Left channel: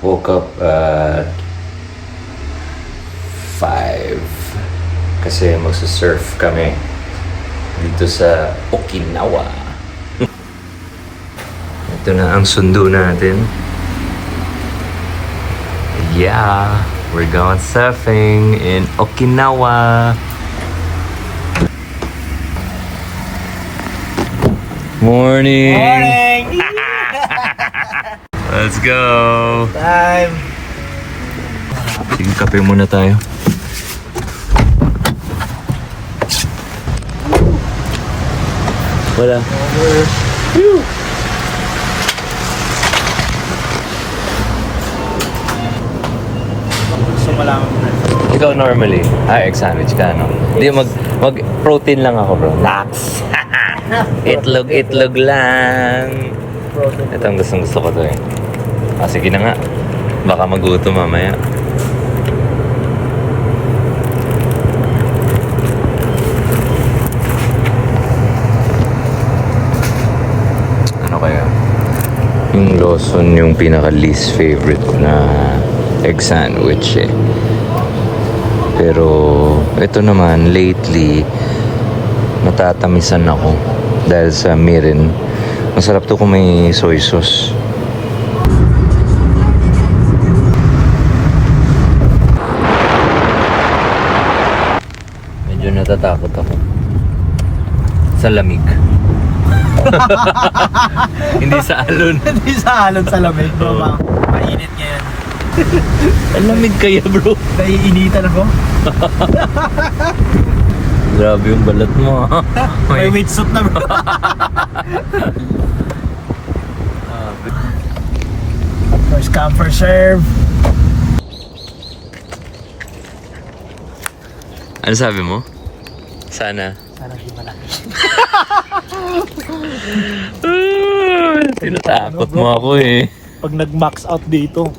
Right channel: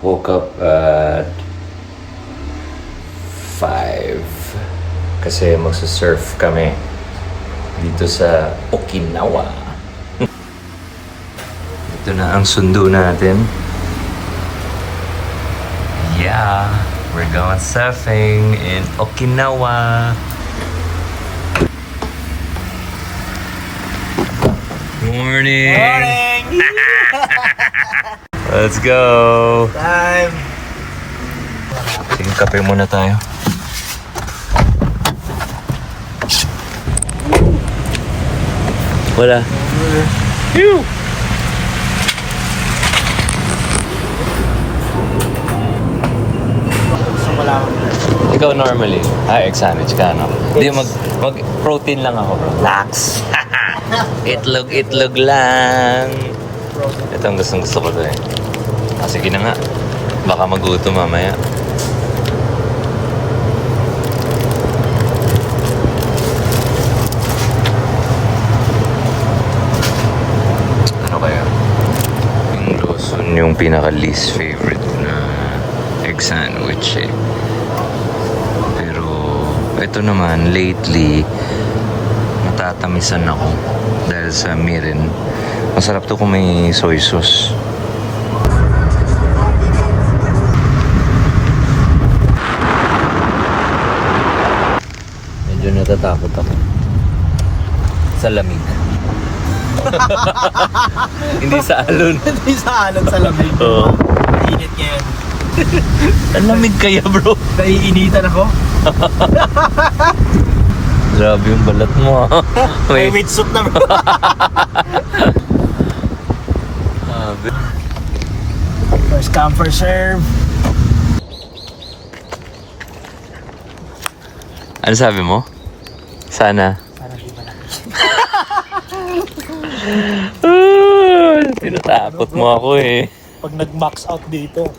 Woke up at 5 kasi magsa-surf kami dito sa Okinawa. Ito na ang sundo natin. Yeah, we're going surfing in Okinawa. Morning! Morning! Let's go! Time! Sige, kape muna tayo. Wala. Phew! So wala Ikaw normally, ex-sandwich ka, no? Hindi, mag-protein lang ako, bro. Lax! Itlog lang. Ito ang gusto ko to eh. Sige na nga. Baka magutom mamaya. Ano kaya? Yung Lawson yung pinaka-least favorite na egg sandwich eh. Pero ito naman lately natatamisan ako dahil sa mirin. Masarap to kung may soy sauce. Medyo natatakot ako sa lamig. Hindi sa alon. Hindi sa alon sa lamig. Oo. Mainit ngayon. Ang lamig kaya, bro. Naiinitan ako. Grabe yung balat mo. May meat soup na bro. First come, first serve. Ano sabi mo? Sana. Sana di malaki. Tinatakot mo ako eh. Pag nag-max out dito,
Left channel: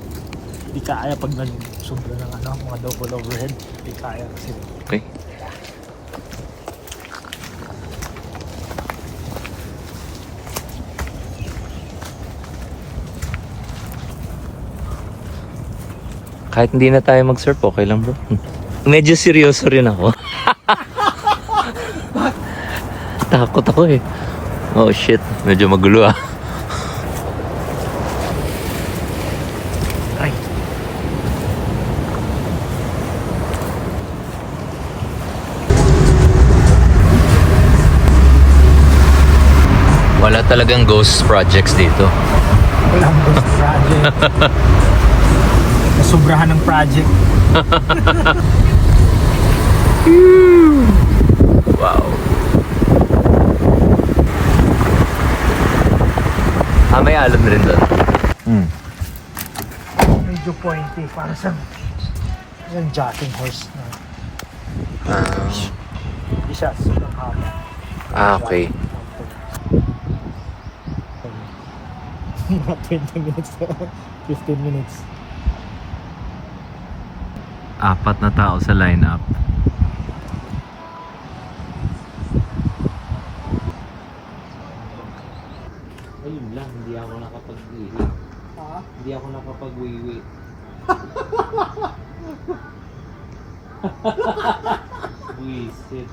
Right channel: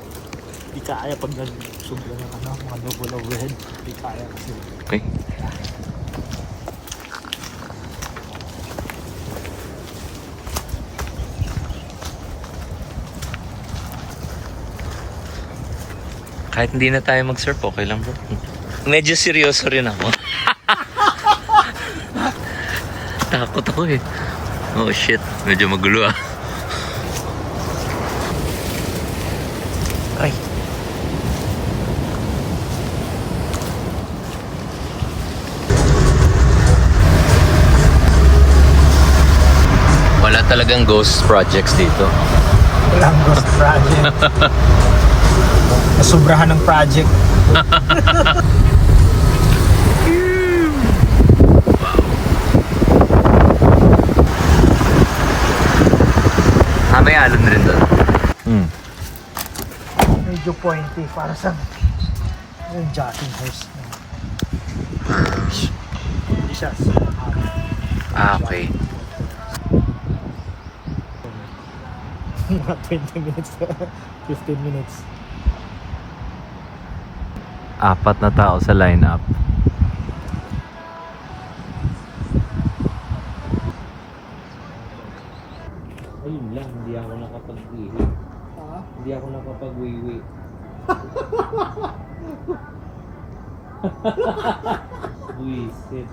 di kaya pag nag-sobra ng mga double overhead. Di kaya kasi. Okay. Kahit hindi na tayo mag-surf, okay lang bro. Medyo seryoso rin ako. Takot ako eh. Oh shit, medyo magulo ah. Ay. Wala talagang ghost projects dito. Walang ghost project. Nasubrahan ng project. Wow. May alon rin doon. Medyo pointy. Para sa yung jacking horse na. Hindi siya Okay. mga 20 minutes. 15 minutes. 4 na tao sa lineup. Ayun lang, hindi ako nakapag-iwi. Ha? Hindi ako nakapag-wiwi. Buisit.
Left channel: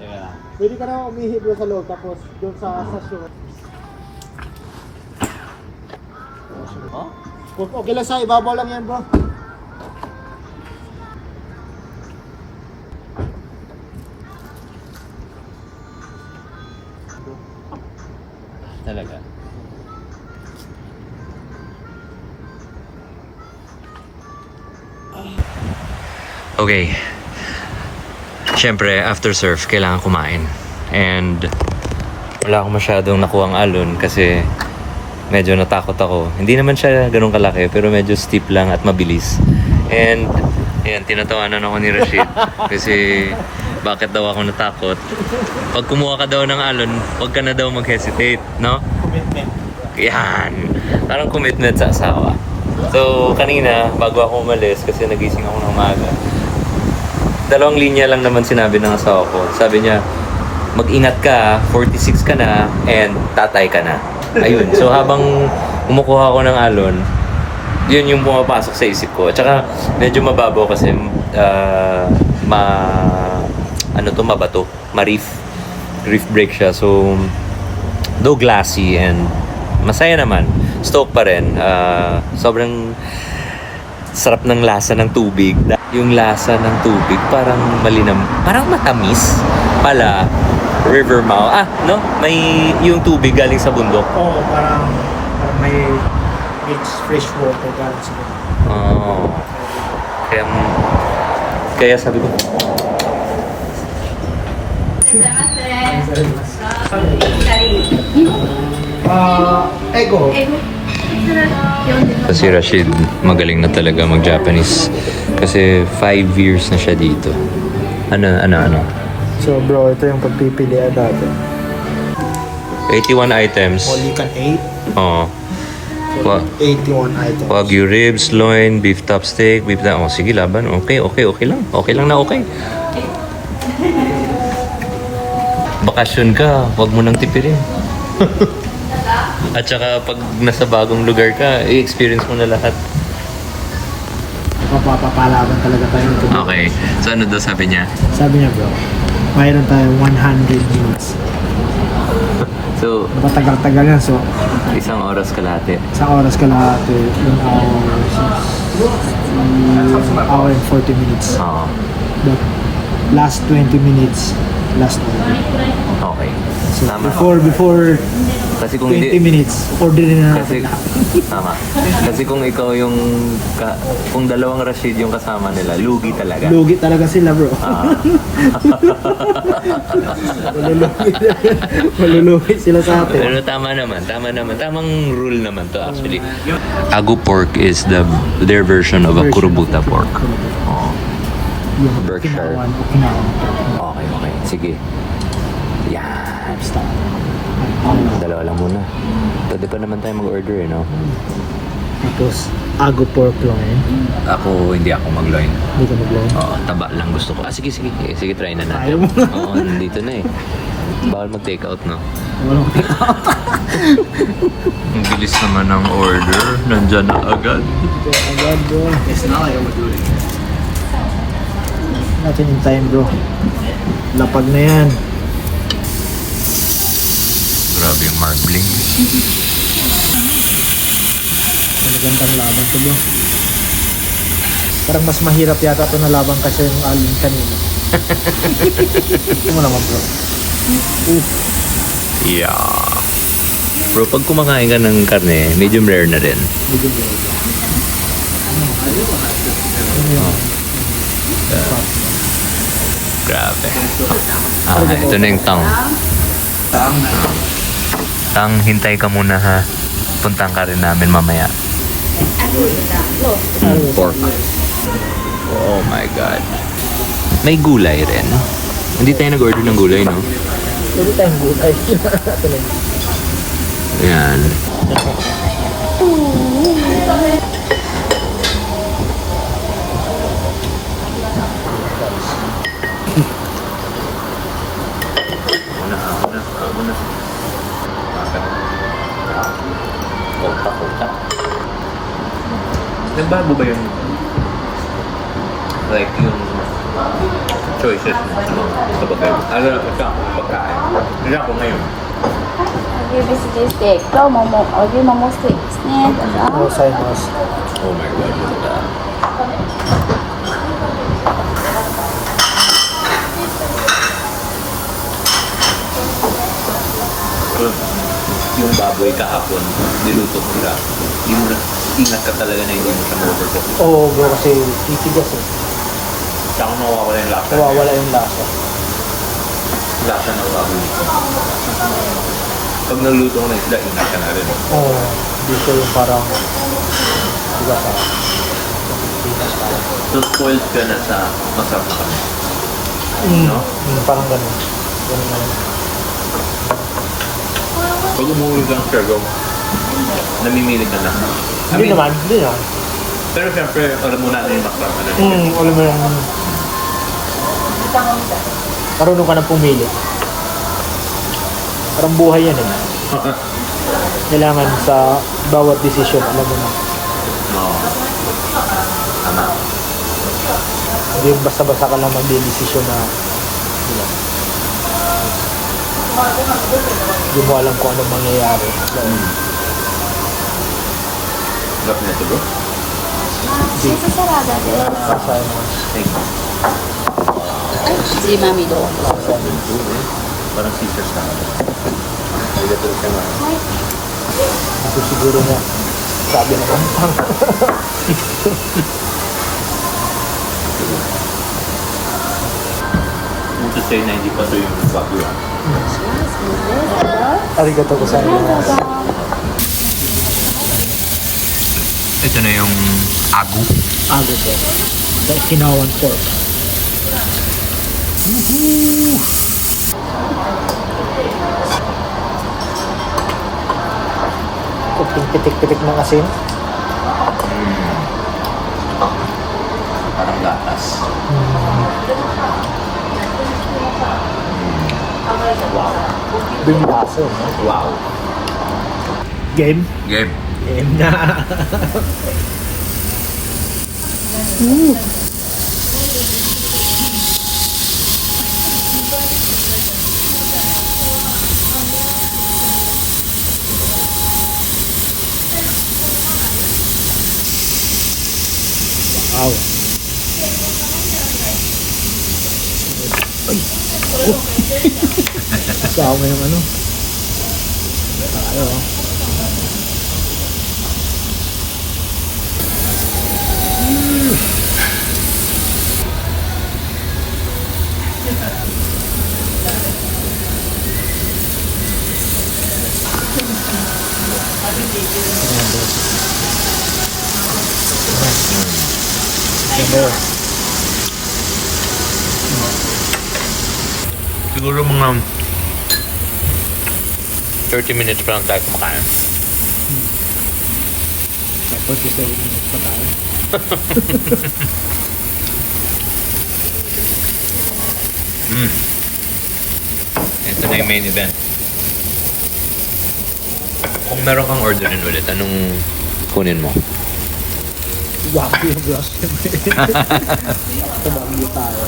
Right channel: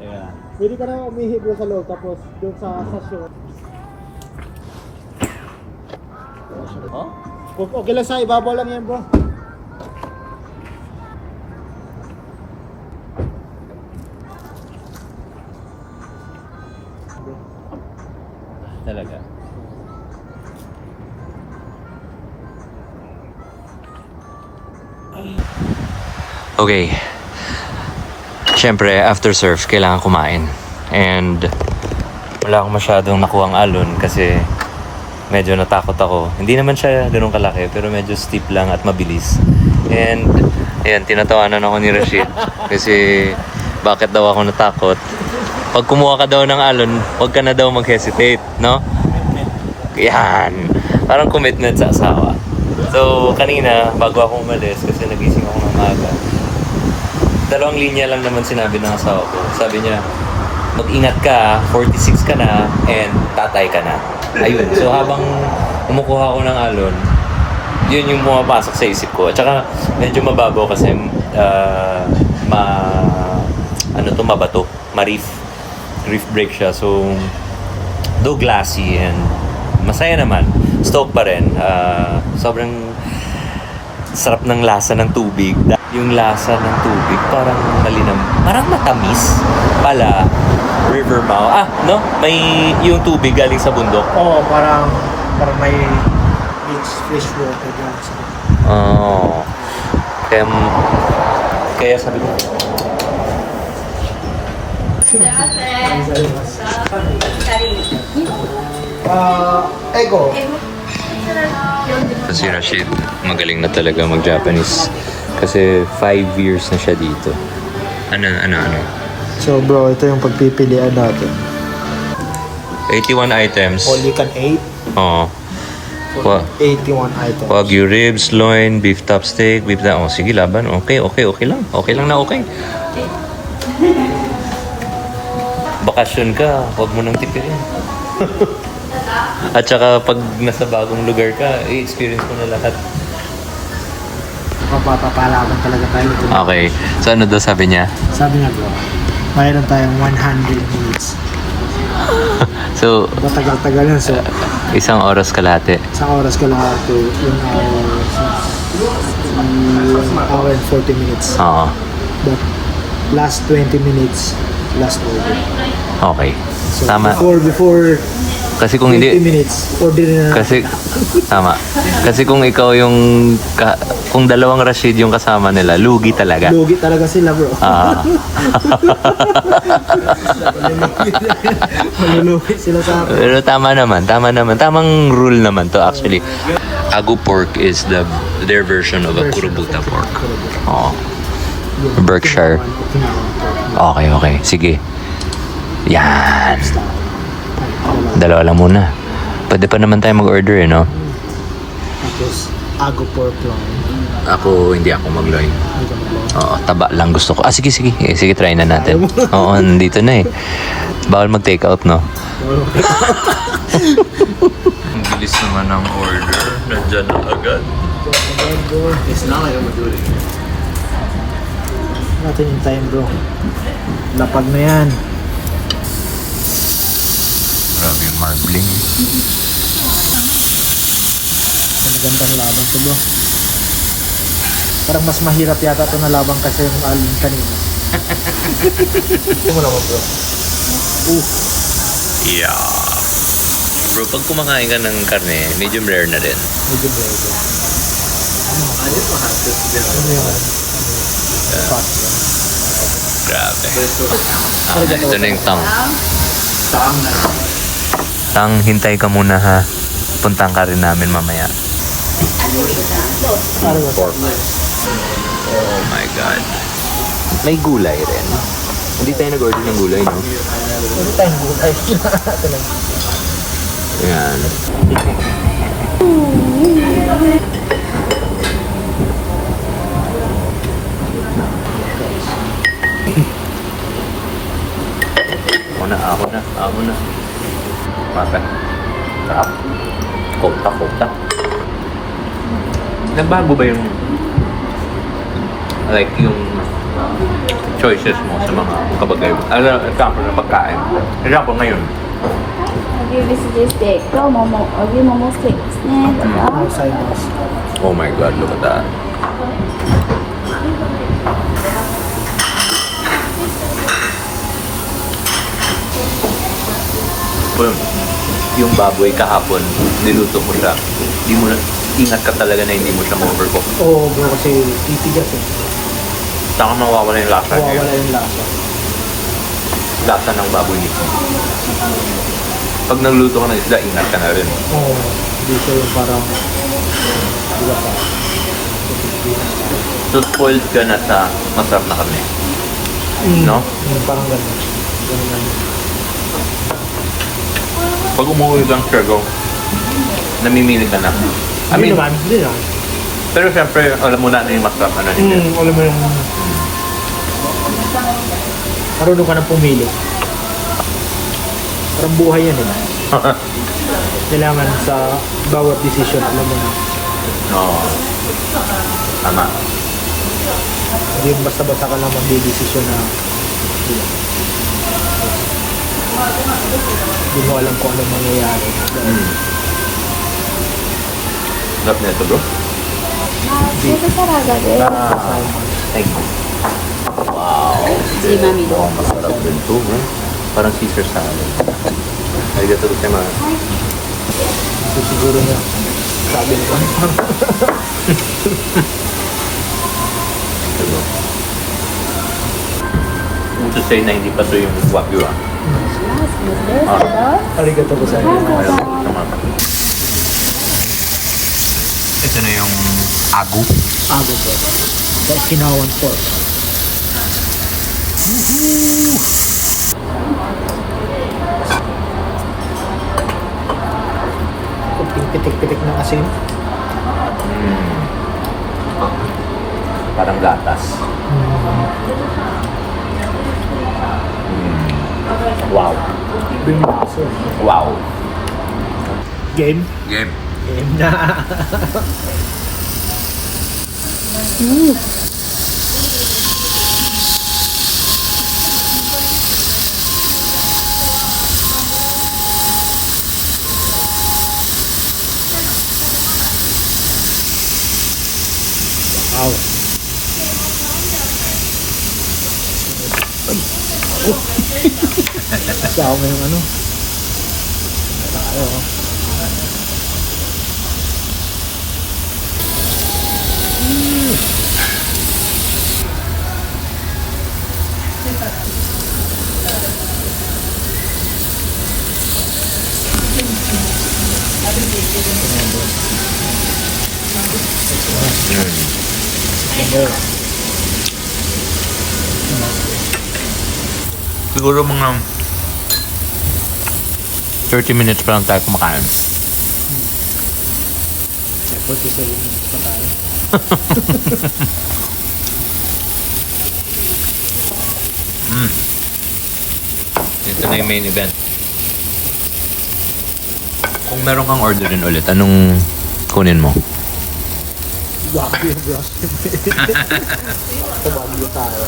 Teka. Pwede ka na umihip doon sa loob tapos doon sa shore. Oh? Okay lang sa ibabaw lang yan bro. Talaga. Okay. Siyempre, after surf, kailangan kumain. And wala akong masyadong nakuhang alon kasi medyo natakot ako. Hindi naman siya ganun kalaki pero medyo steep lang at mabilis. And ayan, tinatawanan ako ni Rashid kasi bakit daw ako natakot. Pag kumuha ka daw ng alon, huwag ka na daw mag-hesitate, no? Commitment. Yan. Parang commitment sa asawa. So, kanina, bago ako umalis, kasi nagising ako ng umaga, 2 linya lang naman sinabi ng asawa ko. Sabi niya, mag-ingat ka, 46 ka na, and tatay ka na. Ayun. So, habang kumukuha ako ng alon, yun yung pumapasok sa isip ko. At saka medyo mababaw kasi mabato, reef break siya. So though glassy and masaya naman, stoke pa rin. Sobrang sarap ng lasa ng tubig. Yung lasa ng tubig parang malinam, parang matamis pala. River mouth. No? May yung tubig galing sa bundok. Oo, parang may it's fresh water galing sa bundok. Oh. Kaya sabi ko, Ego. si Rashid magaling na talaga mag-Japanese. Kasi 5 years na siya dito. Ano? So bro, ito yung pagpipilian natin. 81 items. Only can 8. Oo. So, 81 items. Wagyu ribs, loin, beef top steak, beef da. Oh, sige, laban. Okay lang. Okay lang na okay. Bakasyon ka, wag mo nang tipirin. At saka pag nasa bagong lugar ka, i-experience mo na lahat. Mapapapalaban talaga tayo ito. Okay. So ano daw sabi niya? Sabi niya bro, mayroon tayong 100 minutes. So, Matagal-tagal yan. So, isang oras kalahati. isang oras ka lang ito. Yung hour and 40 minutes. Oo. But last 20 minutes, last order. Okay. So Tama. before Kasi kung 20 hindi... minutes, orderin na natin. Tama. Kasi kung ikaw yung... kung dalawang Rashid yung kasama nila, lugi talaga. Lugi talaga sila bro. Malulugi sila sa atin. Pero tama naman. Tamang rule naman to actually. Agu pork is their version of a kurubuta pork. Oo. Yung Berkshire. Okay. Sige. Yan. Dalawa lang muna. Pwede pa naman tayo mag-order no? Tapos, ago pork loin. Hindi ako mag-loin. Hindi ka mag-loin. Oo, taba lang gusto ko. Sige. Sige, try na natin. Oo, nandito na eh. Bawal mag-take out, no? Ang bilis naman ng order. Nandyan na agad. Agad bro. It's not like I'm doing it. Natin yung time bro. Lapag na yan. Grabe yung marbling. Magandang laban to bro. Parang mas mahirap yata ito na laban kasi yung alin kanina. Ito mo naman bro. Yeah. Bro, pag kumakain ka ng karne, medium rare na rin. Medyo bro bro. Ano yung spot bro? Grabe. Ito na yung tang. Tang, hintay ka muna ha. Puntang ka rin namin mamaya. Oh my God. May gulay rin. Hindi tayo nag-order ng gulay, no? Pwede tayong gulay. Yan. Ako na. Makan. Sarap. Kota. Nagbago ba yung yung choices mo sa mga kabagay mo? Example ng pagkain. Example ngayon. 牛ビスジステーキと桃、牛ももステーキですね。どうぞ。 Gozaimasu. Oh my God, look at that. Well, yung baboy kahapon, niluto mo siya. Hindi mo na, ingat ka talaga na hindi mo siya ma-overcook. Oo bro kasi titigas eh. Saka mawawala yung lasa niya. Wawala yung lasa. Lasa ng baboy nito. Pag nagluto ka ng isda, ingat ka na rin. Oo. Hindi siya yung parang diba sa Pilipinas parang. So, spoiled ka na sa masarap na karne. No? Parang ganun. Ganun lang. Pag umuwi kang Siargao, namimili ka na. Hindi naman. Pero siyempre, alam mo na yung masarap na hindi. Alam mo yung marunong ka na pumili. Parang buhay yan eh. Kailangan sa bawat decision, alam mo na. Oo. Tama. Hindi yung basta-basta ka lang magdidesisyon na di ba? Hindi mo alam kung anong mangyayari. Sarap na ito, bro. Sweet sarada desu. Thank you.はい、ジマミどうぞ。 Sarap din ito, eh. Parang Caesar salad. May gato rin naman. はい。 Ito siguro na sabi na pang To say na hindi pa so yung wagyu ah. しますね。 arigato ko sa どうぞ。 Ito na yung agu. ago ko. Sa Okinawan pork. Kunting pitik-pitik ng asin. Parang gatas. Wow. Bimbaso. Wow. Game? Game. Game na. Wow. Ay. Oh. Kasama yung ano. Tayo. Siguro mga 30 minutes pa lang tayo kumakain. Sa 47 minutes pa tayo. Ito na yung main event. Kung meron kang orderin ulit, anong kunin mo? Wagyu bro. Sa Wagyu tayo.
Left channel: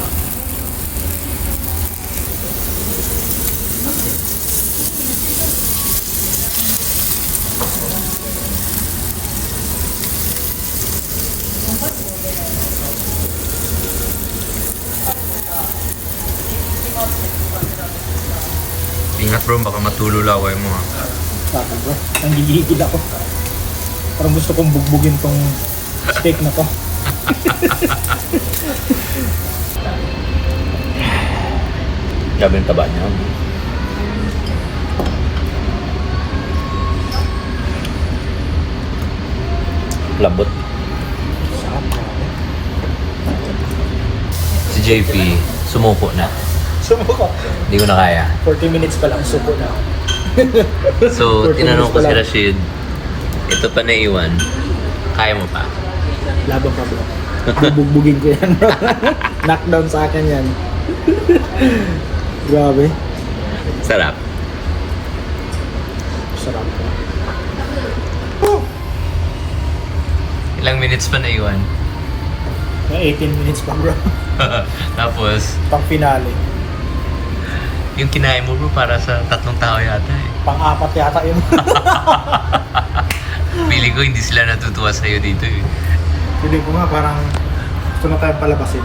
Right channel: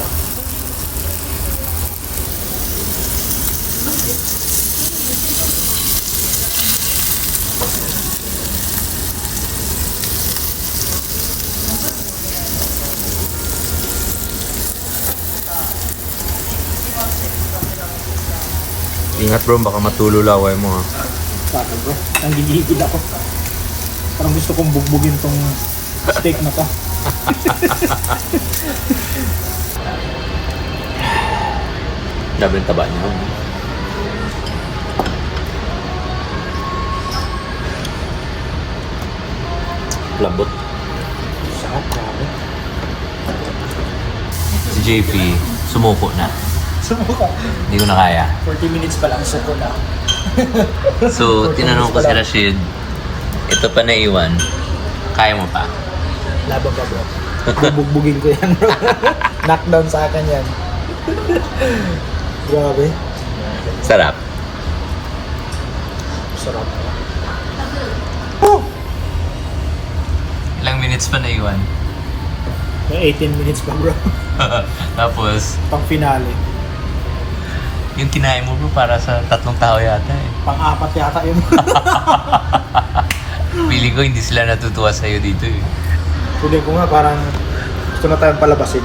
Ingat bro, baka matulo laway mo ha. Sabi bro, nanggigigil ako. Parang gusto kong bugbugin tong steak na to. Grabe yung taba niya. Lambot. Si JP, sumuko na. Sumuko. Hindi ko na kaya. 40 minutes pa lang suko na. So, 40 tinanong ko minutes si pa lang. Rashid, ito pa naiwan, kaya mo pa? Laban pa bro. Bubugbugin ko yan bro. Knockdown sa akin yan. Grabe. Sarap. Sarap bro. Ilang minutes pa naiwan? May 18 minutes pa bro. Tapos, Pang finale. yung kinain mo bro para sa 3 tao yata eh. Pang-apat yata yun. Pili ko hindi sila natutuwa sa'yo dito eh. Hindi ko nga parang gusto na tayong palabasin.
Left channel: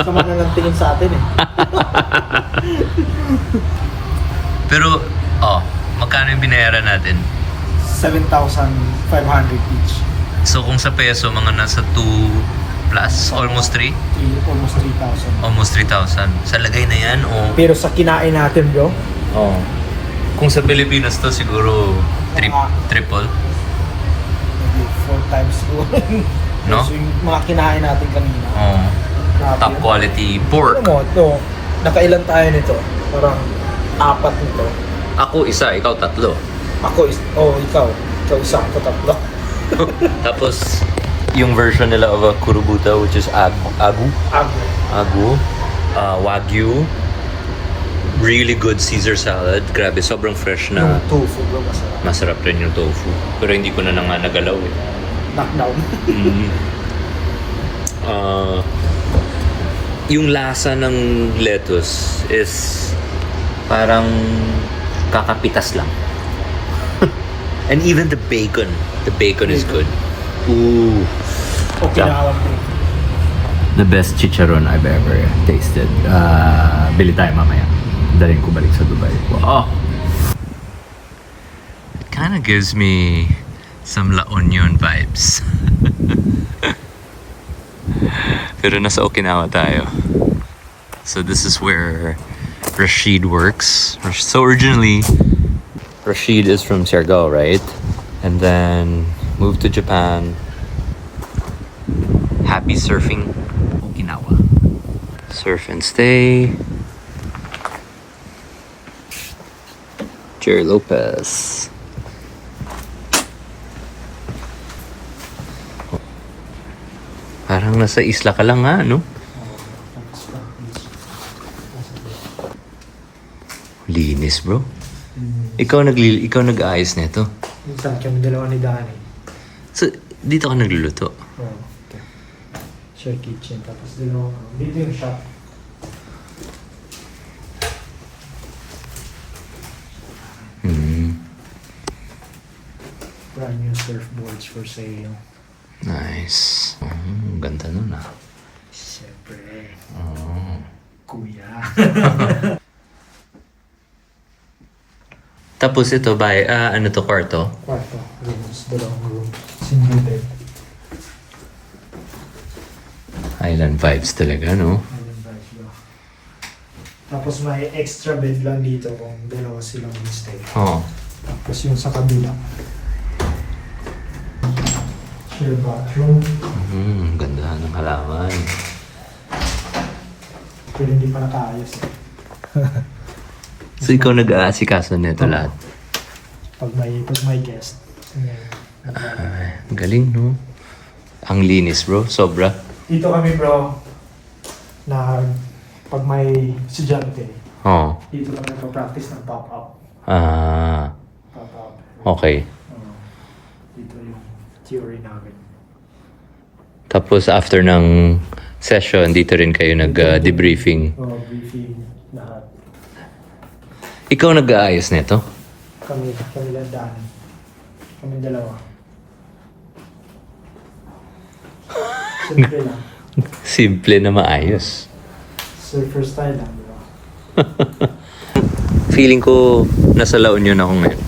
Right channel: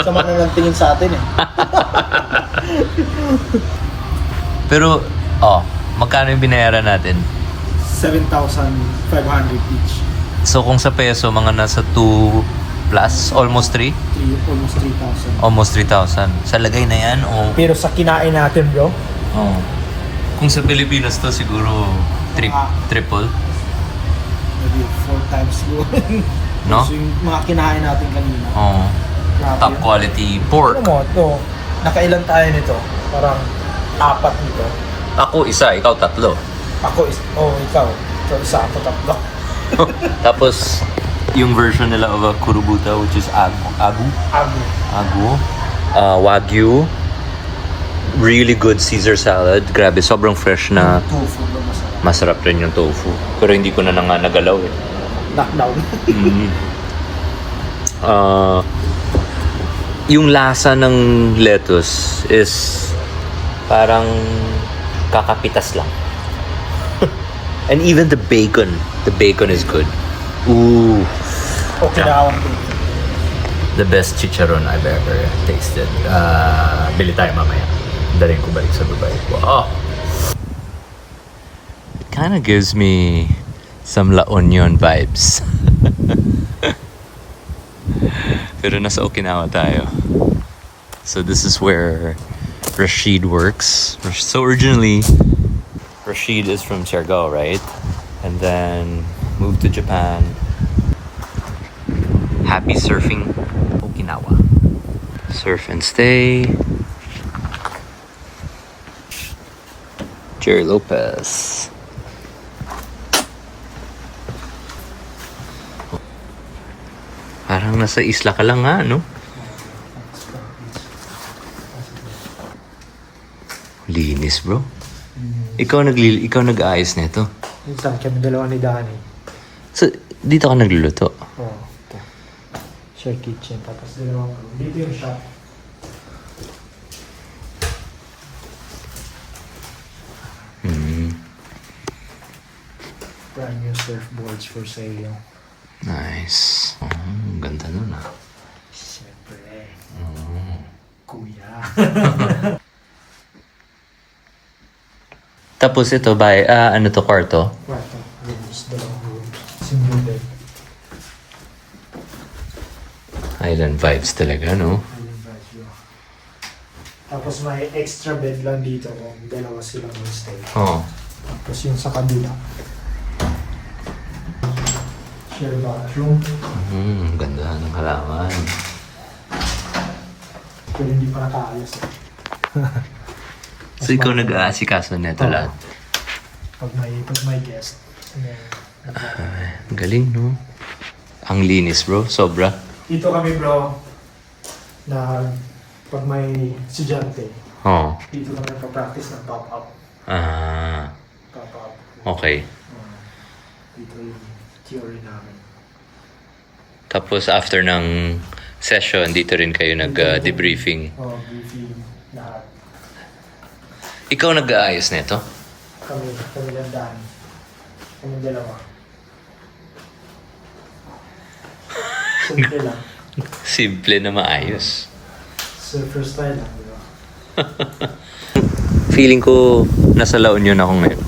Sama na ng tingin sa atin eh. Pero, magkano yung binayaran natin? 7,500 each. So kung sa peso, mga nasa 2 plus, almost 3? Almost 3,000. Almost 3,000. Sa lagay na yan, o... Pero sa kinain natin bro, Kung sa Pilipinas to, siguro triple. maybe 4 times more. No? So yung mga kinain natin kanina. Grabe Top yun. quality pork. Alam mo, ito, nakailan tayo nito? Parang 4 nito. Ako isa, ikaw 3. Ikaw isa, ako 3. Tapos, yung version nila of a kurubuta, which is agu, wagyu, really good Caesar salad. Grabe, sobrang fresh na. Tofu bro, masarap. Masarap rin yung tofu. Pero hindi ko na lang nga nagalaw eh. Knockdown. Mm. Yung lasa ng lettuce is parang kakapitas lang. And even the bacon is good. Ooh. Okinawan bro. The best chicharon I've ever tasted. Bili tayo mamaya. Daling ko balik sa Dubai. Wow. It kind of gives me some La Union vibes. Pero nasa Okinawa tayo. So this is where Rashid works. So originally, Rashid is from Siargao, right? And then moved to Japan. Happy surfing Okinawa. Surf and stay. Jerry Lopez. Parang nasa isla ka lang nga, no? Linis, bro. Ikaw nag-aayos nito. Minsan kami dalawa ni Danny. So, dito ka nagluluto? Oh, ito. Share kitchen. Tapos dalawa kami. Dito yung shop. Brand new surfboards for sale. Nice. Ganda nun ah. Siyempre. Kuya. Tapos ito ba, ano to, kwarto? Kwarto. Rooms. Dalawang rooms. Single bed. Island vibes talaga, no? Ayun, right, bro. Tapos may extra bed lang dito kung dalawa silang install. Oo. Tapos yung sa kabila. Share bathroom. Ganda ng halaman. Pero hindi pa nakaayos eh. So ikaw nag-aasikaso nito lahat? Pag may guest. Ay, ang galing, no? Ang linis, bro. Sobra. Dito kami bro, na pag may estudyante, Oo. dito kami nagpa-practice ng pop-up. Pop-up. Okay. Dito yung theory namin. Tapos after ng session, dito rin kayo nag-debriefing. Briefing, lahat. Ikaw nag-aayos nito? Kami lang daan. Kami dalawa. Simple lang. Simple na maayos. Surfer style lang, di ba? Feeling ko nasa La Union ako ngayon.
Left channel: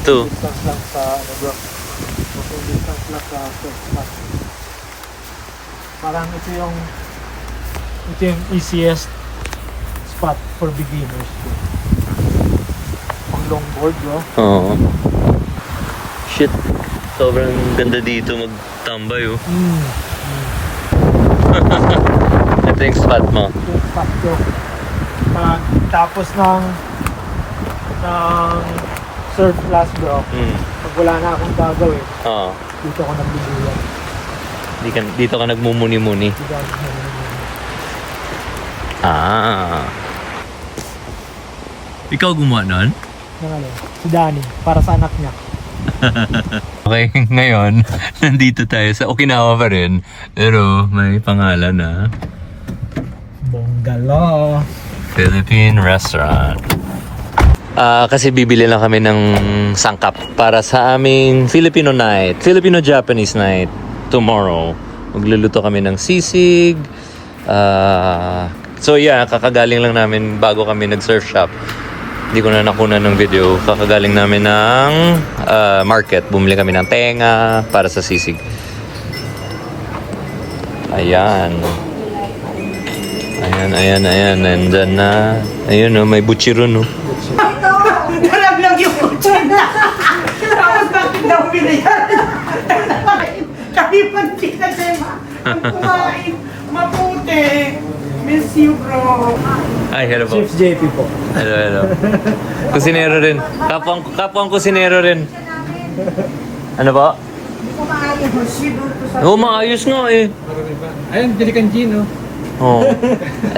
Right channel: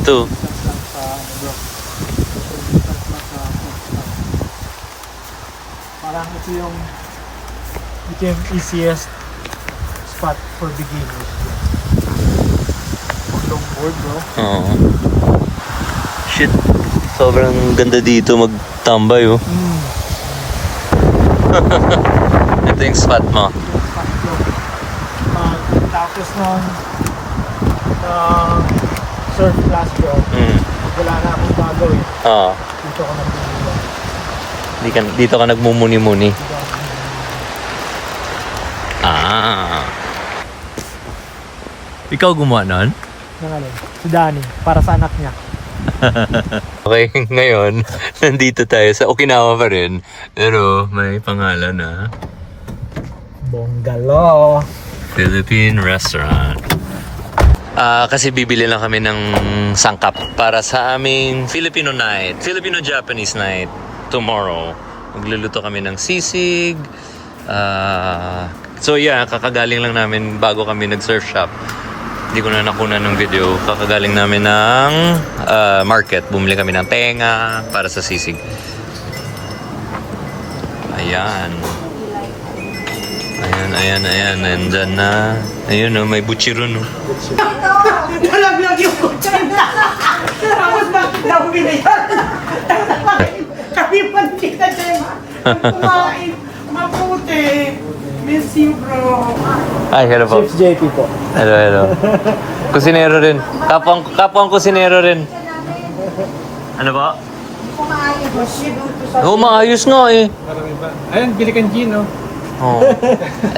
Ito. Distance lang sa ano bro. Distance lang sa surf spot. Parang ito yung easiest spot for beginners. Pag longboard bro. Oo. Shit. Sobrang ganda dito magtambay, oh. Ito yung spot mo. Yung spot ko. Pag tapos ng surf class bro, pag wala na akong gagawin, Oo. dito ako nagbibilang. Dito ka nagmumuni-muni. Dito ako nagbibilang. Ikaw gumawa nun? Nangalin, si Danny, para sa anak niya. Okay, ngayon, nandito tayo sa Okinawa pa rin. Pero may pangalan na Bongalo. Philippine Restaurant. Kasi bibili lang kami ng sangkap para sa aming Filipino night, Filipino-Japanese night tomorrow. Magluluto kami ng sisig. So yeah, kakagaling lang namin bago kami nag-surf shop. Hindi ko na nakunan ng video. Kakagaling namin ng market. Bumili kami ng tenga para sa sisig. Ayan. Ayan. Nandyan na. Ayun, oh, may butchiro, no. Nalaglag yung kutsi na. Tapos bakit daw binayan? Kami pa kita dyan. Kumain. Mabuti. Miss you, bro. Ay, hello po. Chief JP po. Hello. Kusinero rin. Kapwang kusinero rin. Ano ba? Oo, maayos nga eh. Marami ba? Ayun, bili kang Gino. Oh.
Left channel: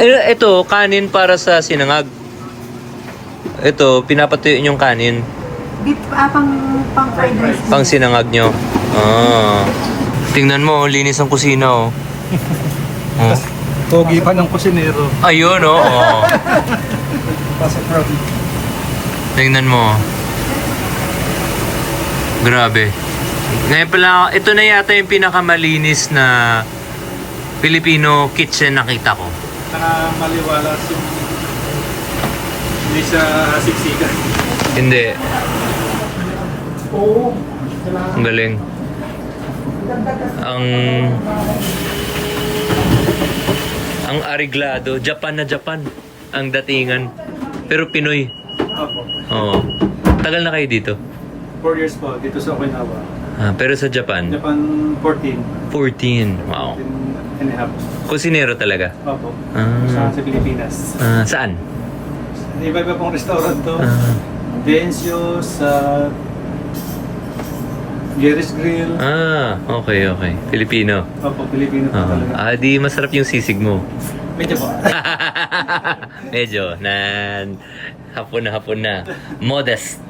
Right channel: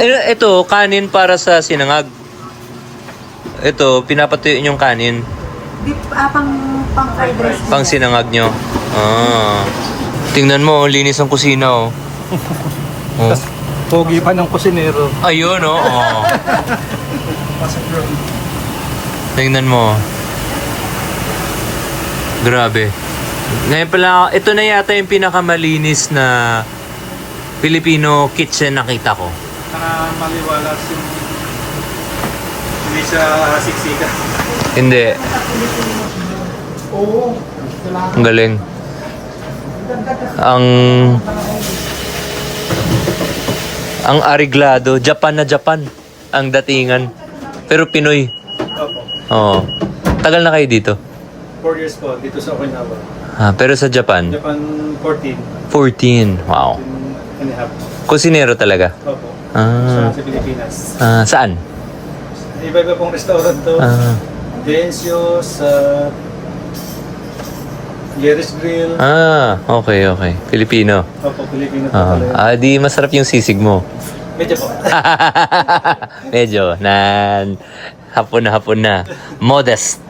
Ito, kanin para sa sinangag. Ito, pinapatuyuin yung kanin. Beef, pang fried rice. Pang sinangag nyo. Ah. Tingnan mo, linis ang kusina, oh. Oh. Pogi pa ng kusinero. Ayun, oh. Oh. Tingnan mo. Grabe. Ngayon pala, ito na yata yung pinakamalinis na Filipino kitchen nakita ko. Saka maliwalas yung hindi siya siksikan. Hindi. Ang galing. Ang ariglado, Japan na Japan ang datingan. Pero Pinoy. Opo. Oo. Tagal na kayo dito? 4 years po dito sa Okinawa. Ah, pero sa Japan? Japan 14. 14. Wow. And a half. Kusinero talaga? Opo. Ah. Sa Pilipinas. Saan? Iba-iba pong restaurant to. Ah. Densios, Jerry's Grill. Okay, okay. Filipino. Opo, Pilipino po talaga. Di masarap yung sisig mo. Medyo po. Medyo, hapon na. Modest.